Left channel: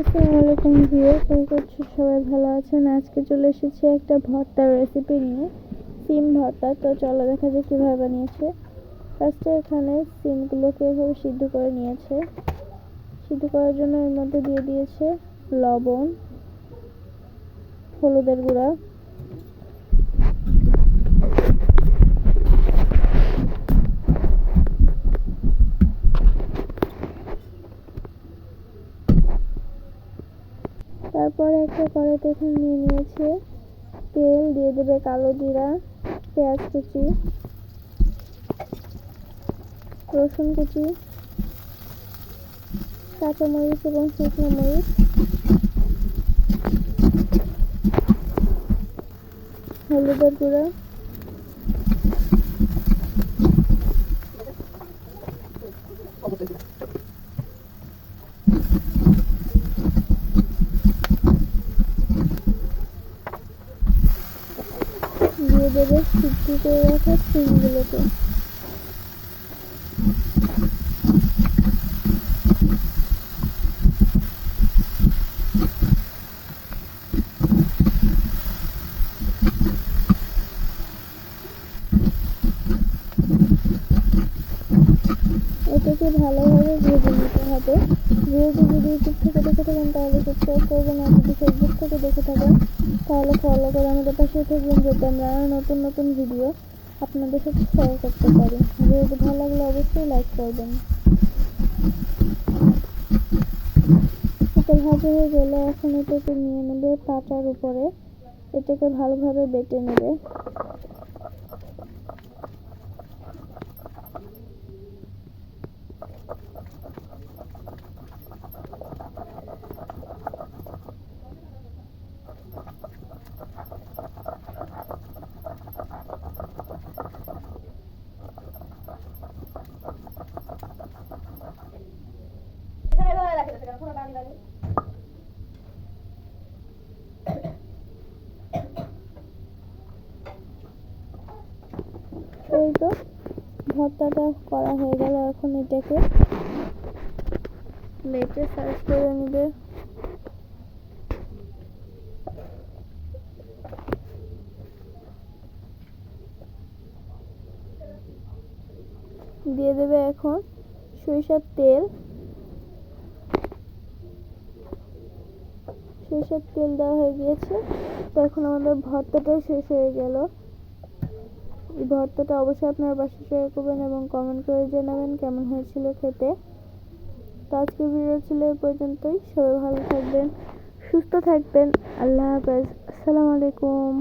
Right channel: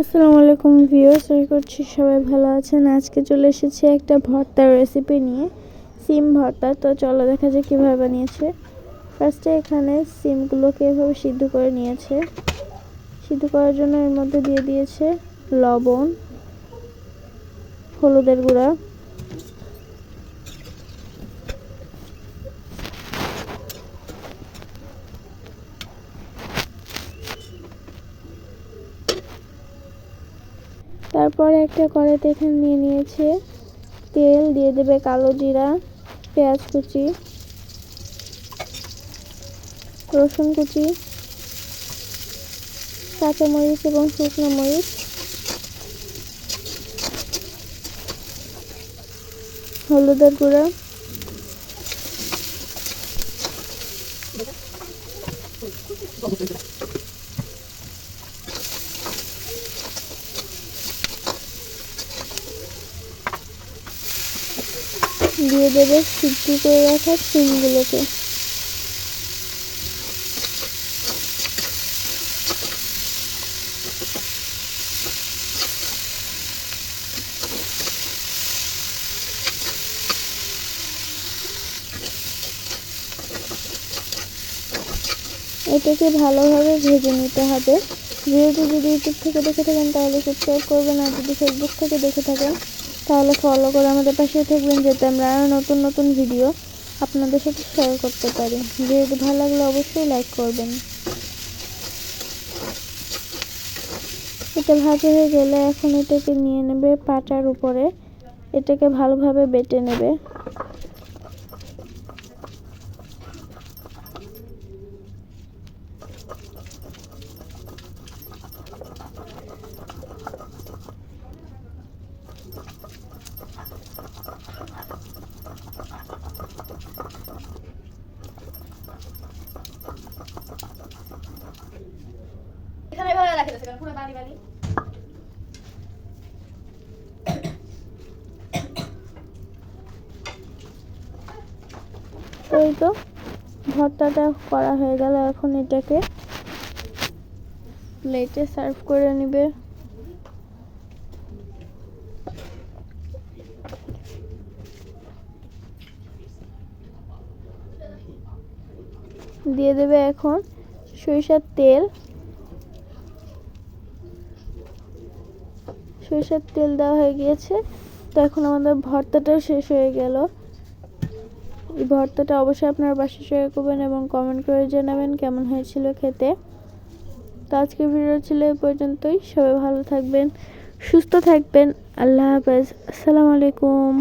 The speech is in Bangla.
আসসালামু আলাইকুম ভিউয়ার্স, আশা করছি সবাই ভালো আছেন। আজকে চলে এসেছি একটা ভর্তার রেসিপি নিয়ে, সিম ভর্তা। তো চলো দেখা যাক কীভাবে বানিয়েছে। ফার্স্টে এখানে সিমগুলোকে এভাবে সিদ্ধ করে নিয়েছে। সিদ্ধ করার জন্য এর মধ্যে দিয়ে দিয়েছে লবণ, হলুদের গুঁড়া, তারপরে একটা কড়াইতে এখানে নিয়ে নিয়েছে তেল, দিয়ে দেবে কালো জিরা, পেঁয়াজ কুচি, রসুন কুচি, কাঁচামরিচ এবং শুকনো মরিচ, হলুদের গুঁড়া, দিয়ে দেবে সিদ্ধ করে রাখা সিমগুলোকে। এটাকে ভালোভাবে ভেজে নিতে হবে। ভিডিওটি যদি ইউটিউব থেকে দেখে থাকেন তাহলে সাবস্ক্রাইব করবেন, আর যদি ফেসবুক থেকে দেখে থাকেন তাহলে ফলো করে আমাদের পাশে থাকবেন, যাতে আমরা আরও নতুন নতুন ভিডিও আপনাদের সাথে শেয়ার করতে পারি। ভিডিওটি ভালো লাগলে অবশ্যই লাইক করবেন। এটা ভাজা হয়ে গেলে এখন এটাকে নিয়ে নেবে পাটার উপরে, এটাকে ভালোভাবে বেটে নেবে। এই তো ভর্তাটা করা হয়ে গেল। এখন এটাকে প্লেটে সার্ভ করে নেবে। দিয়ে দেবে এখন সরিষার তেল। সরিষার তেল দেওয়া হয়ে গিয়েছে। তো এখন আমাদের ভর্তাটাও শেষ হয়ে গেল। এই ভর্তাটা অবশ্যই আপনারা বাসায় শেয়ার করবেন এবং কমেন্ট করে জানাবেন কেমন হয়েছিল খেতে। তো আজকের ভিডিও ছিল এই পর্যন্তই। সবাই ভালো থাকবেন, সুস্থ থাকবেন। আল্লাহ হাফেজ। আসসালামু আলাইকুম।